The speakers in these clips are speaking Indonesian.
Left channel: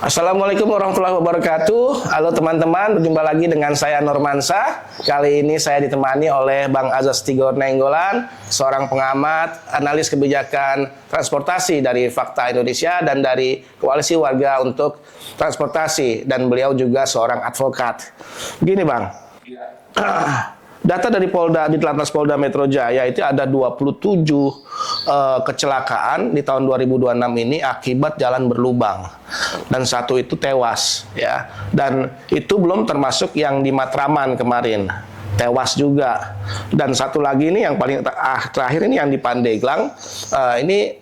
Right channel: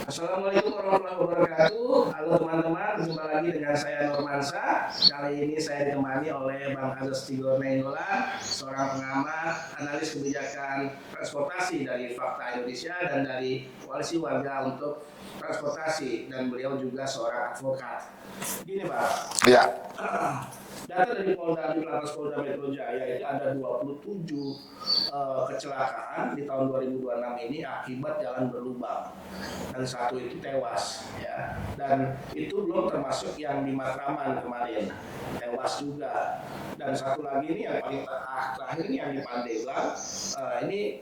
Assalamualaikum warahmatullahi wabarakatuh. Halo teman-teman, berjumpa lagi dengan saya Nurmansa. Kali ini saya ditemani oleh Bang Azas Tigor Nainggolan, seorang pengamat, analis kebijakan transportasi dari Fakta Indonesia dan dari Koalisi Warga untuk Transportasi, dan beliau juga seorang advokat. Begini Bang, Ya. data dari Ditlantas Polda Metro Jaya itu ada 27 kecelakaan di tahun 2026 ini akibat jalan berlubang, dan satu itu tewas ya. Dan itu belum termasuk yang di Matraman kemarin tewas juga. Dan satu lagi ini yang paling terakhir ini yang di Pandeglang, ini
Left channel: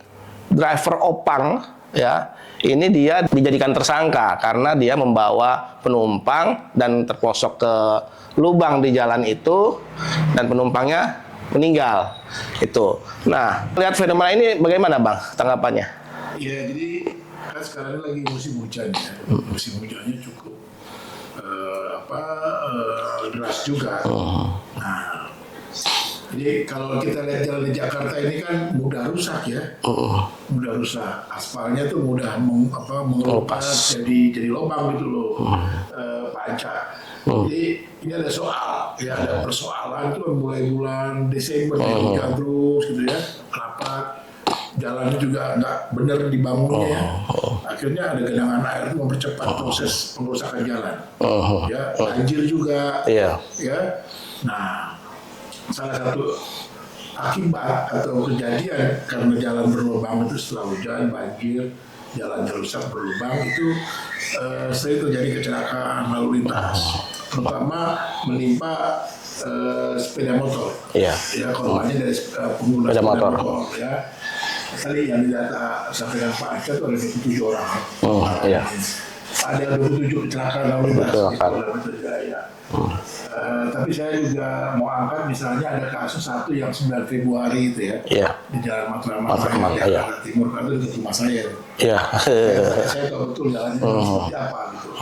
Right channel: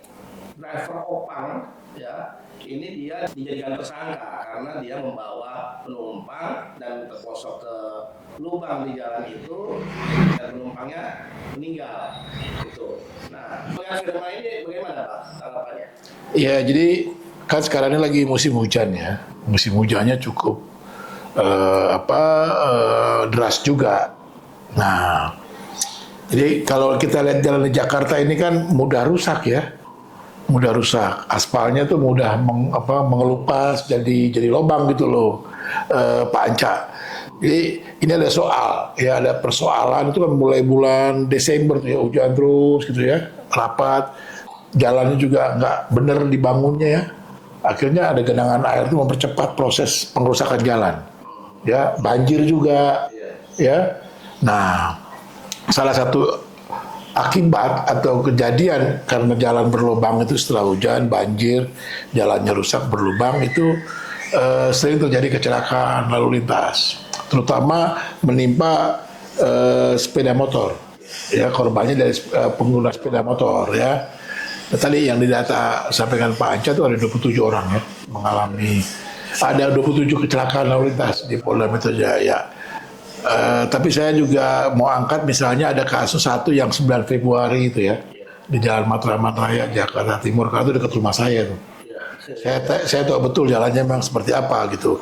driver Opang ya. Ini dia dijadikan tersangka karena dia membawa penumpang dan terposok ke lubang di jalan itu dan penumpangnya meninggal. Itu. Nah, lihat fenomena ini bagaimana Bang tanggapannya? Ya, jadi kan sekarang ini lagi musim hujan ya. Musim hujannya cukup deras juga. Nah, jadi kalau kita lihat jalan di Jakarta ini kan mudah rusak ya. Mudah rusak. Aspalnya tuh mudah mengelupas jadi lubang gitu loh. Pak Anca. Jadi ini ada soal, ya ada persoalan itu kan mulai bulan Desember ya, hujan terus gitu ya, rapat, jalannya juga nggak bener dibangunnya ya. Akhirnya ada genangan air itu mempercepat proses pengrusakan jalan. Ya, banjir juga. Ya. Nah, salah satu akibat atau kejadian karena jalan berlubang itu setelah hujan, banjir, jalannya rusak berlubang itu sering terjadi kecelakaan lalu lintas, terutama menimpa sepeda motor. Ya, korbannya dari pengguna sepeda motor ya. Nah, tadi yang didata sampaikan Pak Anca itu ada 27 orang ya. Ada 27 kecelakaan lalu lintas di Polda Metro Jaya. Tapi saya juga mau angkat misalnya ada kasus satu yang 9 Februari itu ya, di Jalan Matraman Raya Jakarta Timur, karena itu dekat rumah saya tuh. Saya tahu betul jalannya memang seperti apa gitu.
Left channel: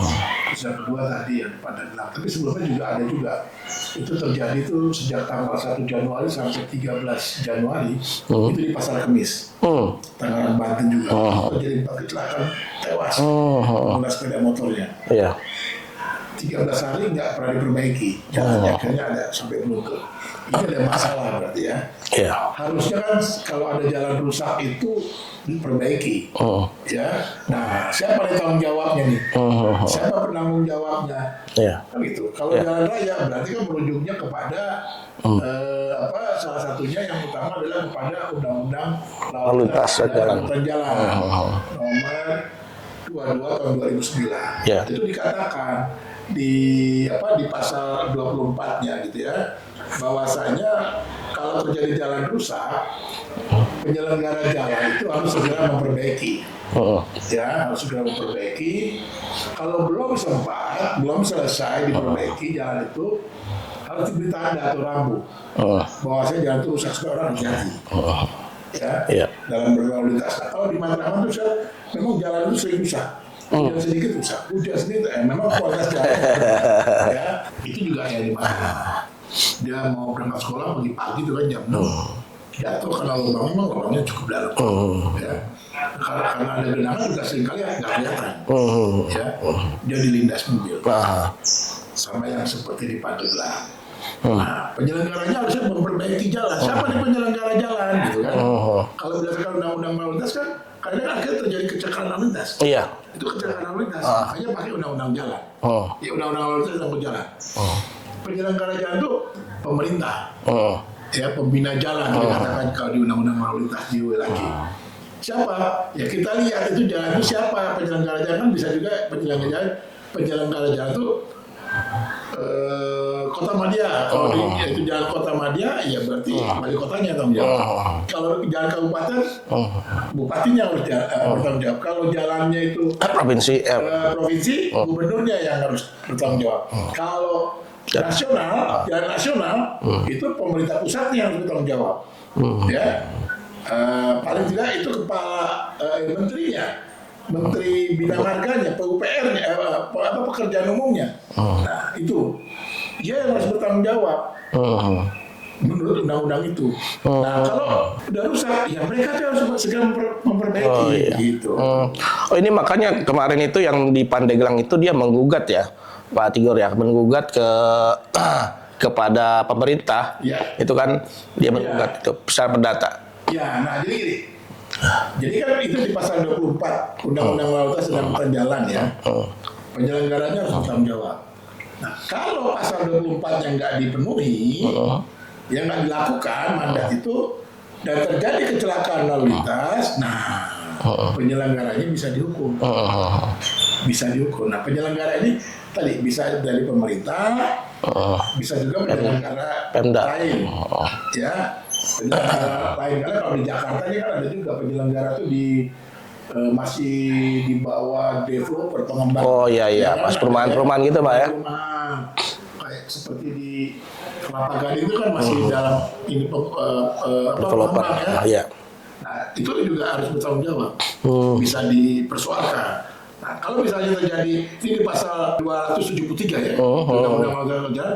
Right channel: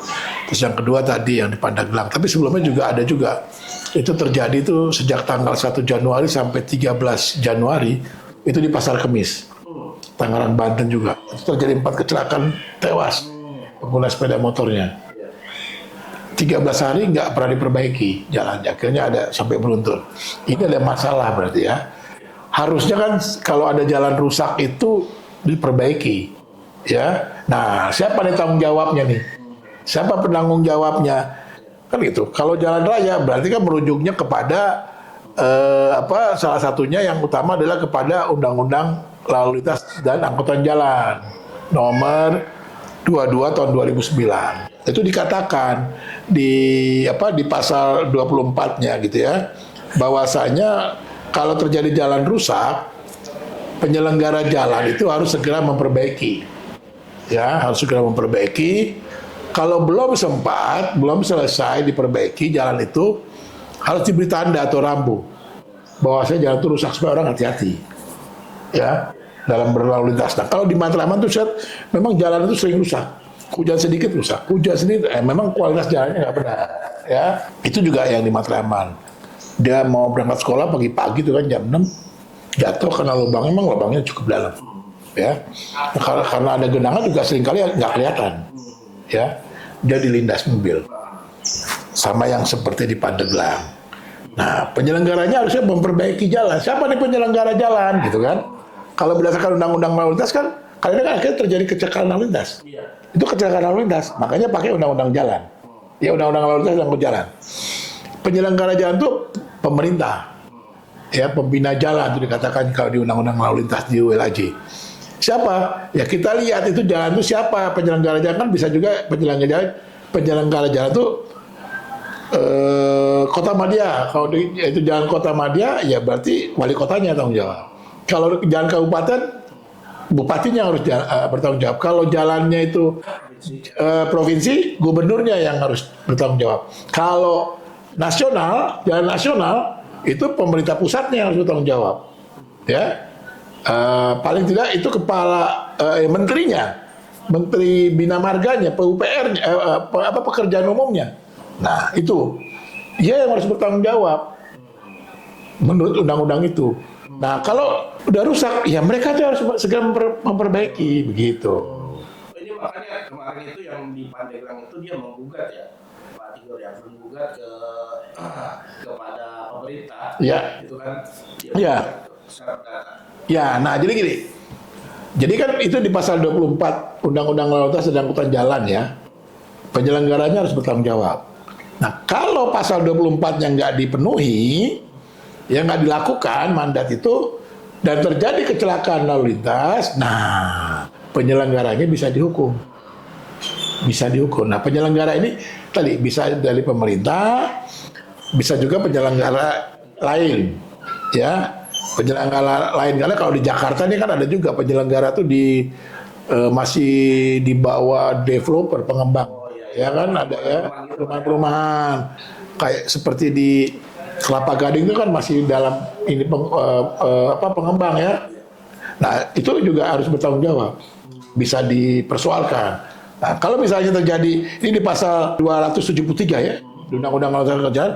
Terus yang kedua tadi yang di Pandeglang, tapi sebelumnya juga ada juga itu terjadi itu sejak tanggal 1 Januari sampai 13 Januari itu di Pasar Kemis, Tangerang, Banten juga. Terjadi 4 kecelakaan tewas pengguna sepeda motornya. 13 hari nggak pernah diperbaiki jalannya, akhirnya ada sampai beruntun. Ini ada masalah berarti ya. Harusnya kan kalau ada jalan rusak itu diperbaiki. Ya. Nah, siapa nih tanggung jawabnya nih? Siapa penanggung jawabnya? Kan gitu. Kalau jalan raya berarti kan merujuknya kepada salah satunya yang utama adalah kepada Undang-Undang Lalu Lintas dan Angkutan Jalan nomor 22 tahun 2009. Itu dikatakan di pasal 24-nya gitu ya, bahwasanya kalau terjadi jalan rusak, penyelenggara jalan itu harus segera memperbaiki. Ya, harus segera memperbaiki. Kalau belum selesai diperbaiki jalan itu, harus diberi tanda atau rambu bahwasanya jalan itu rusak, supaya orang hati-hati. Dalam berlalu lintas. Nah, kalau di Matraman tuh memang jalan itu sering rusak. Hujan sedikit rusak, hujan sedikit, memang kualitas jalannya nggak benar. Ya, itu juga yang di Matraman. Dia mau berangkat sekolah pagi-pagi tuh kan jam 6, jatuh karena lubangnya cukup dalam. Ya, karena ada genangan juga seringkali nggak kelihatan. Ya, dia dilindas mobil. Sama yang seperti di Pandeglang. Nah, penyelenggaranya harusnya memperbaiki jalan. Siapa nih penyelenggara jalan, gitu kan? Kalau berdasarkan Undang-Undang Lalu Lintas kan, kadang-kadang akhirnya terjadi kecelakaan lalu lintas. Itu kecelakaan lalu lintas, makanya pakai Undang-Undang Jalan. Ya, Undang-Undang Lalu Lintas dan Angkutan Jalan. Penyelenggara jalan itu pemerintah, ya, pembina jalan itu dikatakan kalau di Undang-Undang Lalu Lintas di ULAJ. Siapa? Ya kita lihat itu jalan itu siapa penyelenggara jalan, kan bisa juga penyelenggara jalan itu Kota Madya. Kalau itu jalan Kota Madya, ya berarti wali kotanya tanggung jawab. Kalau jalan kabupaten, bupatinya harus bertanggung jawab. Kalau jalannya itu provinsi, gubernurnya yang harus bertanggung jawab. Kalau nasional, jalan nasional, itu pemerintah pusatnya yang harus bertanggung jawab. Ya, paling tidak itu kepala menterinya. Menteri Bina Marganya, PUPR-nya, pekerjaan umumnya. Nah, itu dia yang harus bertanggung jawab. menurut undang-undang itu. Nah, kalau udah rusak, ya mereka tuh harus segera memperbaiki gitu. Oh, ini makanya kemarin itu yang di Pandeglang itu dia menggugat ya, Pak Tigor ya, menggugat kepada pemerintah. Ya. Itu kan dia menggugat itu secara perdata. Ya, nah jadi gini. Jadi kan itu di pasal 24 Undang-Undang Lalu Lintas dan Angkutan Jalan ya. Penyelenggaranya harus bertanggung jawab. Nah, kalau pasal 24 yang nggak dipenuhi, yang nggak dilakukan mandat itu, dan terjadi kecelakaan lalu lintas, nah penyelenggaranya bisa dihukum. Bisa dihukum. Nah, penyelenggara ini tadi bisa dari pemerintah, bisa juga penyelenggara lain. Ya, penyelenggara lain. Karena kalau di Jakarta ini kan ada juga penyelenggara tuh masih di bawah developer, pengembang. Oh iya, ya kan? perumahan-perumahan gitu Pak ya. Perumahan kayak seperti di Kelapa Gading itu kan masih dalam ini pengembang ya. Iya. Nah, itu juga harus bertanggung jawab. Bisa dipersoalkan. Nah, kalau misalnya terjadi ini di pasal 273 ya, Undang-Undang Lalu Lintas Jalan,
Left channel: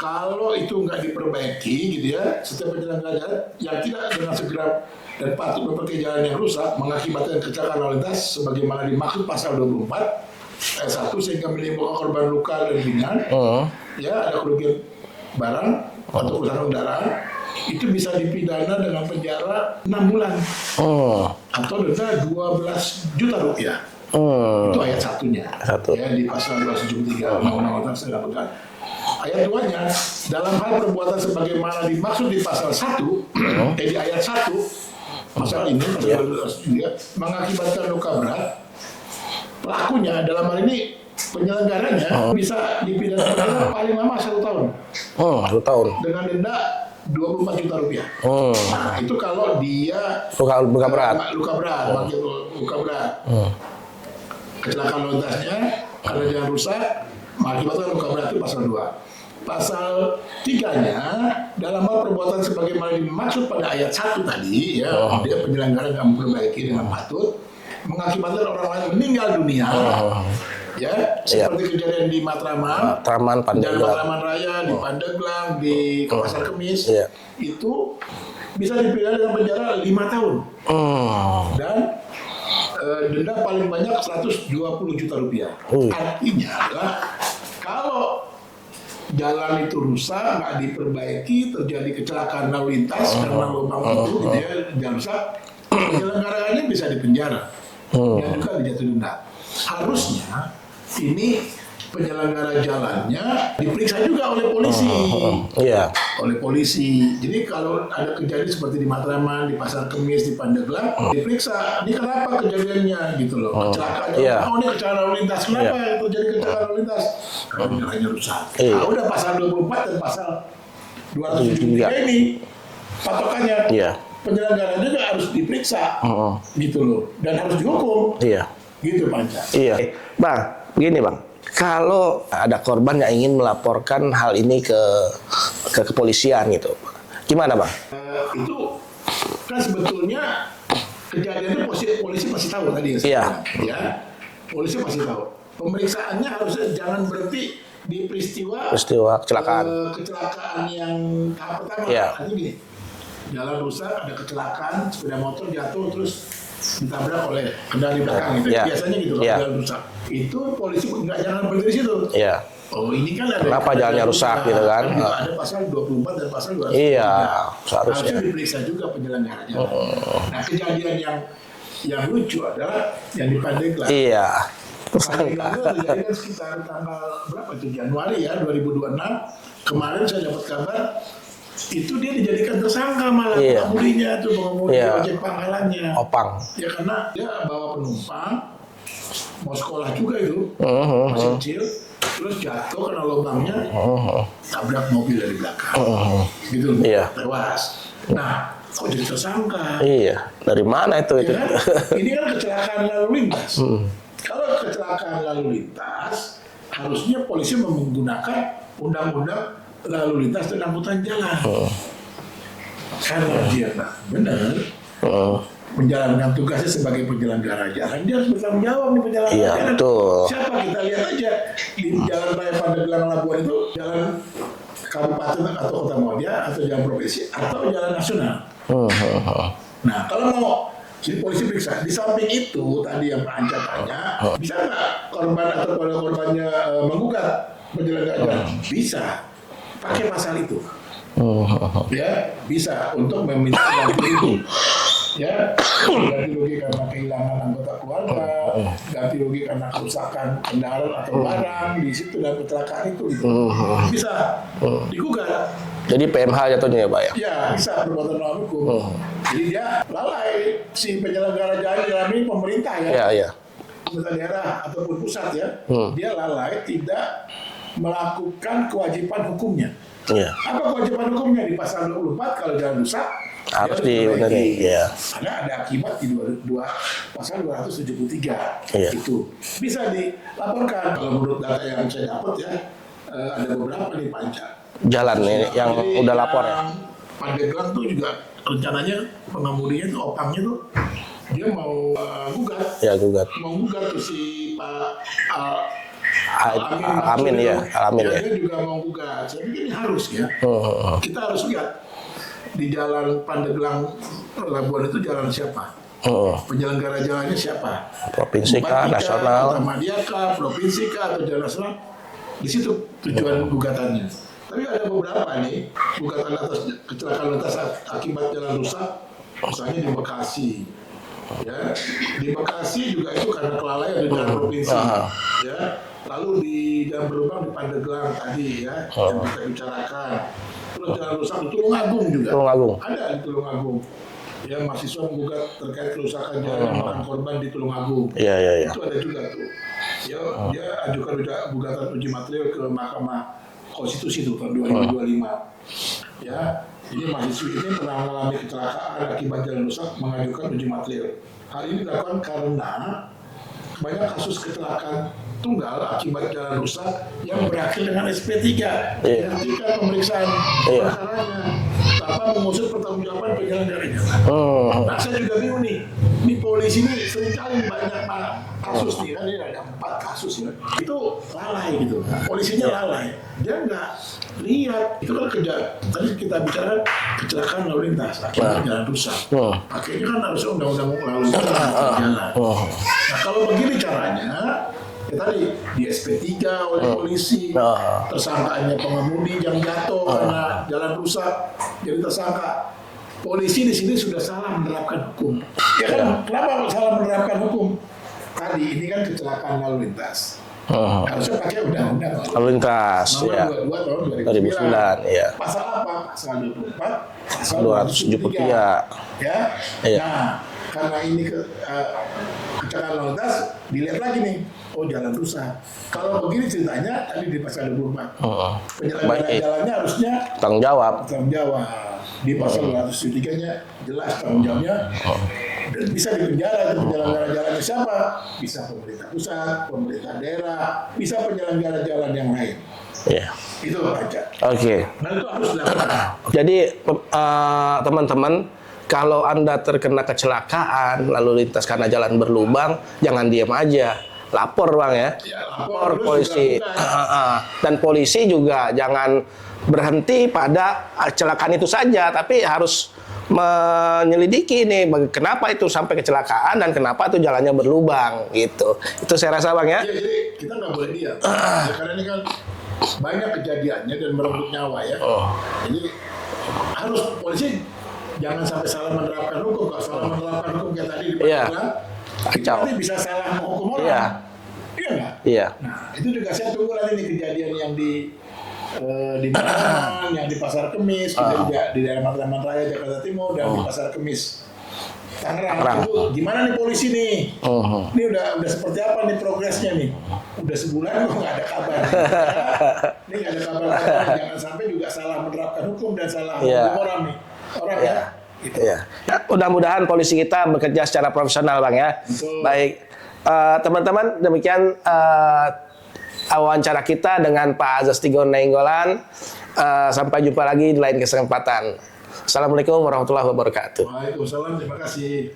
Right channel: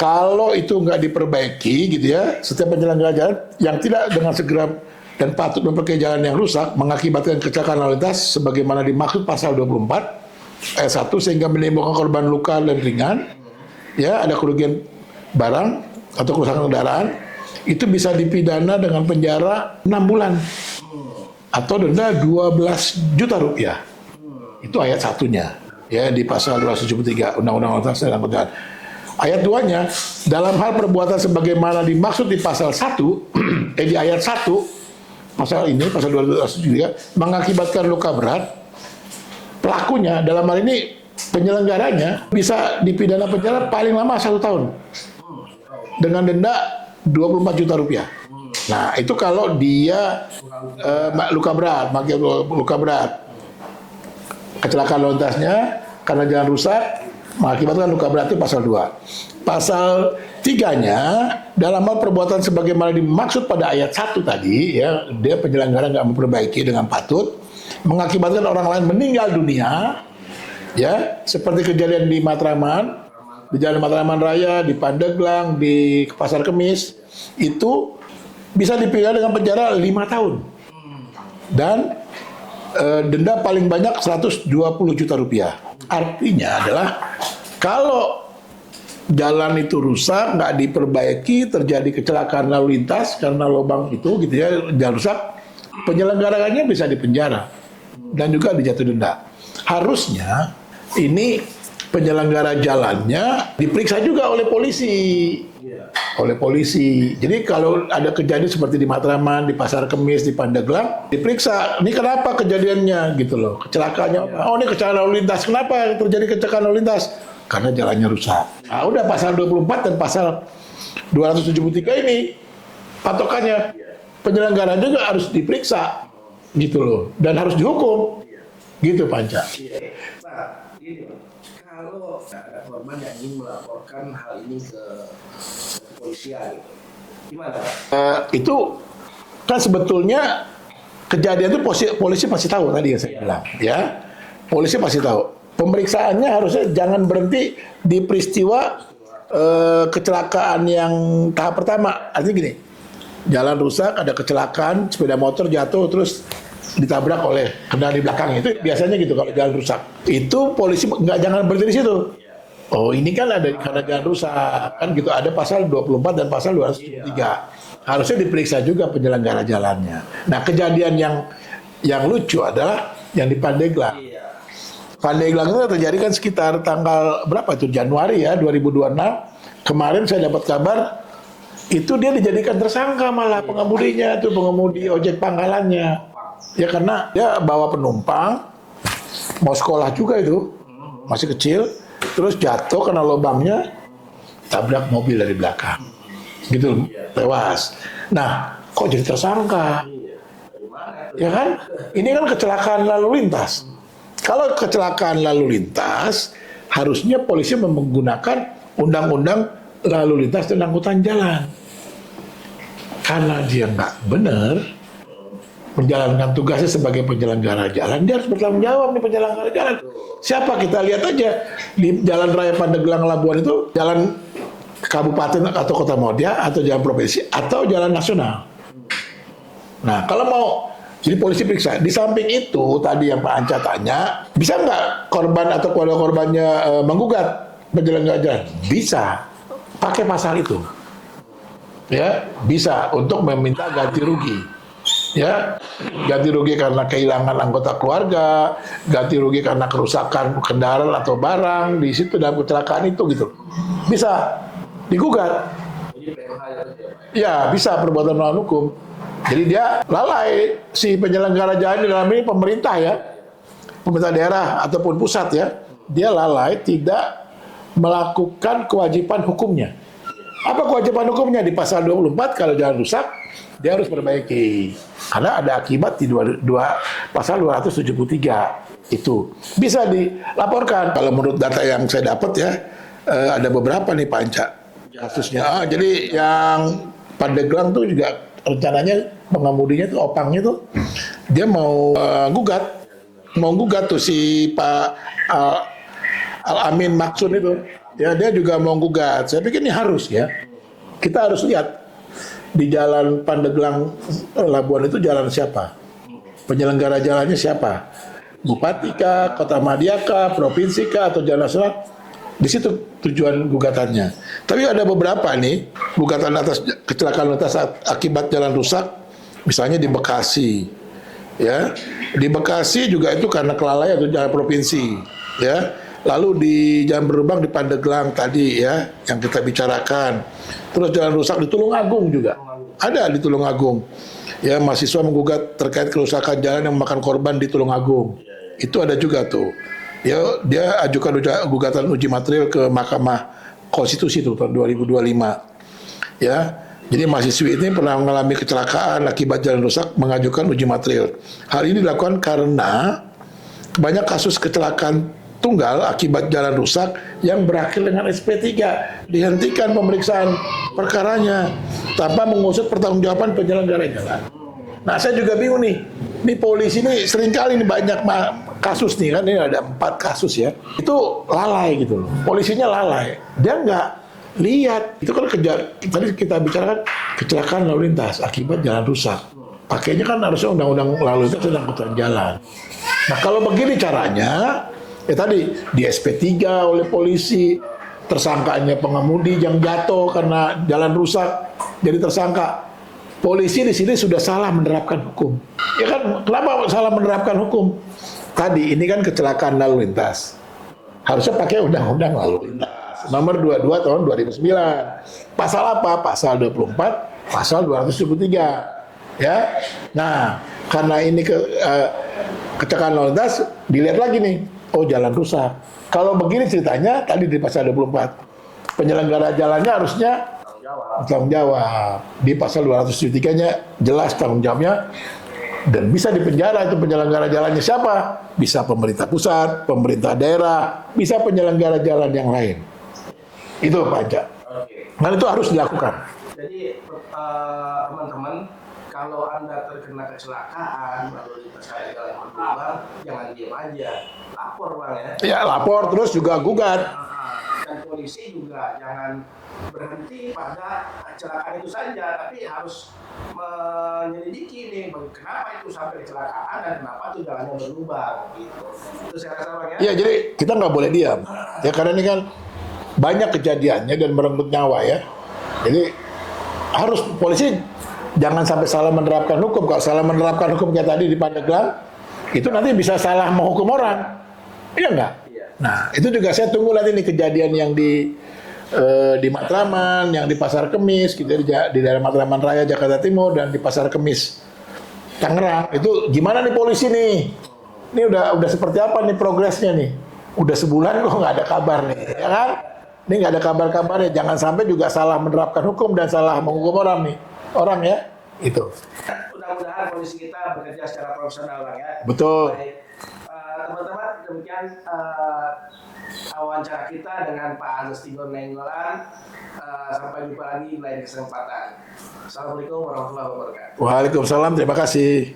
kalau itu nggak diperbaiki gitu ya, setiap penyelenggara jalan yang tidak dengan segera dan patut memperbaiki jalan yang rusak mengakibatkan kecelakaan lalu lintas sebagaimana dimaksud pasal 24 ayat 1 sehingga menimbulkan korban luka dan ringan, ya ada kerugian barang atau kerusakan kendaraan, itu bisa dipidana dengan penjara 6 bulan atau denda 12 juta rupiah. Itu ayat satunya. Ya di pasal 273 Undang-Undang Lalu Lintas dan Angkutan Jalan. Ayat 2-nya, dalam hal perbuatan sebagaimana dimaksud di pasal 1, di ayat 1, pasal ini, pasal 273, mengakibatkan luka berat, pelakunya dalam hal ini penyelenggaranya bisa dipidana penjara paling lama 1 tahun. 1 tahun. Dengan denda 24 juta rupiah. Nah, itu kalau dia luka berat. Kecelakaan lalu lintasnya karena jalan rusak mengakibatkan luka berat itu pasal 2. Pasal 3-nya dalam hal perbuatan sebagaimana dimaksud pada ayat 1 tadi ya, dia penyelenggara nggak memperbaiki dengan patut mengakibatkan orang lain meninggal dunia. Ya, seperti kejadian di Matraman, di Jalan Matraman Raya, di Pandeglang, di Pasar Kemis, itu bisa dipidana dengan penjara 5 tahun. Dan denda paling banyak 120 juta rupiah. Artinya adalah kalau jalan itu rusak, nggak diperbaiki, terjadi kecelakaan lalu lintas karena lubang itu, gitu ya, jalan rusak, penyelenggaranya bisa dipenjara dan juga dijatuh denda. Harusnya ini penyelenggara jalannya diperiksa juga oleh polisi. Oleh polisi. Jadi kalau ada kejadian seperti di Matraman, di Pasar Kemis, di Pandeglang, diperiksa. Ini kenapa kejadiannya gitu loh. Kecelakaannya. Oh, ini kecelakaan lalu lintas. Kenapa terjadi kecelakaan lalu lintas? Karena jalannya rusak. Nah, udah pasal 24 dan pasal 273 ini patokannya. Penyelenggara juga harus diperiksa. Gitu loh. Dan harus dihukum. Gitu, Panca. Bang, begini Bang. Kalau ada korban yang ingin melaporkan hal ini ke kepolisian gitu, gimana Bang? Itu kan sebetulnya kejadian itu polisi pasti tahu tadi ya saya bilang, ya. Polisi pasti tahu. Pemeriksaannya harusnya jangan berhenti di peristiwa kecelakaan yang tahap pertama. Artinya gini, jalan rusak, ada kecelakaan, sepeda motor jatuh terus ditabrak oleh kendaraan di belakang itu biasanya gitu kalau jalan rusak. Itu polisi jangan berhenti di situ. Oh, ini kan ada jalan rusak gitu kan. Gitu ada pasal 24 dan pasal 203. Harusnya diperiksa juga penyelenggara jalannya. Nah, kejadian yang lucu adalah yang di Pandeglang. Pandeglang itu terjadi kan sekitar tanggal berapa itu? Januari ya 2026. Kemarin saya dapat kabar itu dia dijadikan tersangka malah pengemudinya tuh, pengemudi ojek pangkalannya. Ya karena dia bawa penumpang mau sekolah juga itu, masih kecil, terus jatuh kena lubangnya, tabrak mobil dari belakang, gitu, tewas. Nah, kok jadi tersangka? Dari mana itu? Ya kan? Ini kan kecelakaan lalu lintas. Kalau kecelakaan lalu lintas, harusnya polisi menggunakan undang-undang lalu lintas dan angkutan jalan. Karena dia nggak benar menjalankan tugasnya sebagai penyelenggara jalan, dia harus bertanggung jawab nih penyelenggara jalan. Siapa kita lihat aja di Jalan Raya Pandeglang Labuan itu jalan kabupaten atau kota mau dia, atau jalan provinsi, atau jalan nasional. Nah, kalau mau, jadi polisi periksa. Di samping itu, tadi yang Pak Anca tanya, bisa nggak korban atau keluarga korbannya menggugat penyelenggara jalan? Bisa, pakai pasal itu. Ya, bisa untuk meminta ganti rugi. Ya, ganti rugi karena kehilangan anggota keluarga, ganti rugi karena kerusakan kendaraan atau barang di situ dalam kecelakaan itu gitu. Bisa digugat. Jadi PMH jatuhnya ya Pak ya? Ya, bisa perbuatan melawan hukum. Jadi dia lalai, si penyelenggara jalan dalam ini pemerintah ya. Iya. Pemerintah daerah ataupun pusat ya. Dia lalai tidak melakukan kewajiban hukumnya. Iya. Apa kewajiban hukumnya di pasal 24 kalau jalan rusak dia harus diperbaiki. Iya. Karena ada akibat di pasal 273 itu bisa dilaporkan. Kalau menurut data yang saya dapat ya ada beberapa nih Pak Anca. Jalan nih. Jadi udah yang Pandeglang tuh juga rencananya pengemudinya tuh opangnya tuh dia mau gugat. Ya gugat. Mau gugat tuh si Pak Al-Amin Maksud itu. Ya. Dia juga mau gugat. Saya pikir ini harus ya. Kita harus lihat di jalan Pandeglang Labuan itu jalan siapa? Penyelenggara jalannya siapa? Provinsi Bupati kah, nasional? Kota Madya kah, provinsi kah, atau jalan nasional? Di situ tujuan gugatannya. Tapi ada beberapa nih gugatan atas kecelakaan atas akibat jalan rusak, misalnya di Bekasi, ya. Di Bekasi juga itu karena kelalaian atau jalan provinsi, ya. Lalu di Jalan Berlubang di Pandeglang tadi ya, yang kita bicarakan. Terus jalan rusak di Tulungagung juga. Ada di Tulungagung. Ya, mahasiswa menggugat terkait kerusakan jalan yang memakan korban di Tulungagung. Iya. Itu ada juga tuh. Ya, dia ajukan gugatan uji material ke Mahkamah Konstitusi tuh tahun 2025. Ya. Jadi mahasiswi ini pernah mengalami kecelakaan akibat jalan rusak mengajukan uji material. Hal ini dilakukan karena banyak kasus kecelakaan tunggal akibat jalan rusak yang berakhir dengan SP3. Dihentikan pemeriksaan perkaranya tanpa mengusut pertanggungjawaban penyelenggara jalan. Nah, saya juga bingung nih. Di polisi ini seringkali nih banyak kasus nih kan, ini ada 4 kasus ya. Itu lalai gitu. Polisinya lalai. Dia nggak lihat. Itu kan tadi kita bicarakan kecelakaan lalu lintas akibat jalan rusak. Pakainya kan harusnya undang-undang lalu lintas dan jalan. Nah, kalau begini caranya, ya tadi di SP3 oleh polisi, tersangkanya pengemudi yang jatuh karena jalan rusak jadi tersangka. Polisi di sini sudah salah menerapkan hukum. Ya kan, kenapa salah menerapkan hukum? Tadi ini kan kecelakaan lalu lintas. Harusnya pakai undang-undang lalu lintas. Nomor 22 tahun 2009. Ya. Pasal apa? Pasal 24, pasal 273. Ya. Nah, karena ini kecelakaan lalu lintas, dilihat lagi nih. Oh, jalan rusak. Kalau begini ceritanya tadi di pasal 24. Penyelenggara jalannya harusnya tanggung jawab. Di pasal 273-nya jelas tanggung jawabnya. Dan bisa dipenjara itu penyelenggara jalannya siapa? Bisa pemerintah pusat, pemerintah daerah, bisa penyelenggara jalan yang lain. Iya. Itu Pak Anca. Oke. Dan itu harus dilakukan. Jadi teman-teman, kalau Anda terkena kecelakaan lalu lintas karena jalan berlubang, jangan diam aja. Lapor Bang ya. Ya, lapor terus juga gugat. Dan polisi juga jangan berhenti pada kecelakaan itu saja, tapi harus menyelidiki nih kenapa itu sampai kecelakaan dan kenapa itu jalannya berlubang gitu. Itu saya rasa Bang ya. Iya, jadi kita nggak boleh diam. Ya, karena ini kan banyak kejadiannya dan merenggut nyawa ya. Jadi harus polisi jangan sampai salah menerapkan hukum. Kalau salah menerapkan hukum kayak tadi di Pandeglang, itu nanti bisa salah menghukum orang. Iya nggak? Iya. Nah, itu juga saya tunggu nanti nih kejadian yang di Matraman, yang di Pasar Kemis, di daerah Matraman Raya Jakarta Timur dan di Pasar Kemis Tangerang. Itu gimana nih polisi nih? Ini udah seperti apa nih progresnya nih? Udah sebulan kok nggak ada kabar nih. Ya? Ini nggak ada kabar-kabarnya. Jangan sampai juga salah menerapkan hukum dan salah menghukum orang ya. Itu. Ya. Mudah-mudahan polisi kita bekerja secara profesional Bang ya. Betul. Baik. Teman-teman, demikian wawancara kita dengan Pak Azas Tigor Nainggolan. Sampai jumpa lagi di lain kesempatan. Assalamualaikum warahmatullahi wabarakatuh. Waalaikumsalam, terima kasih.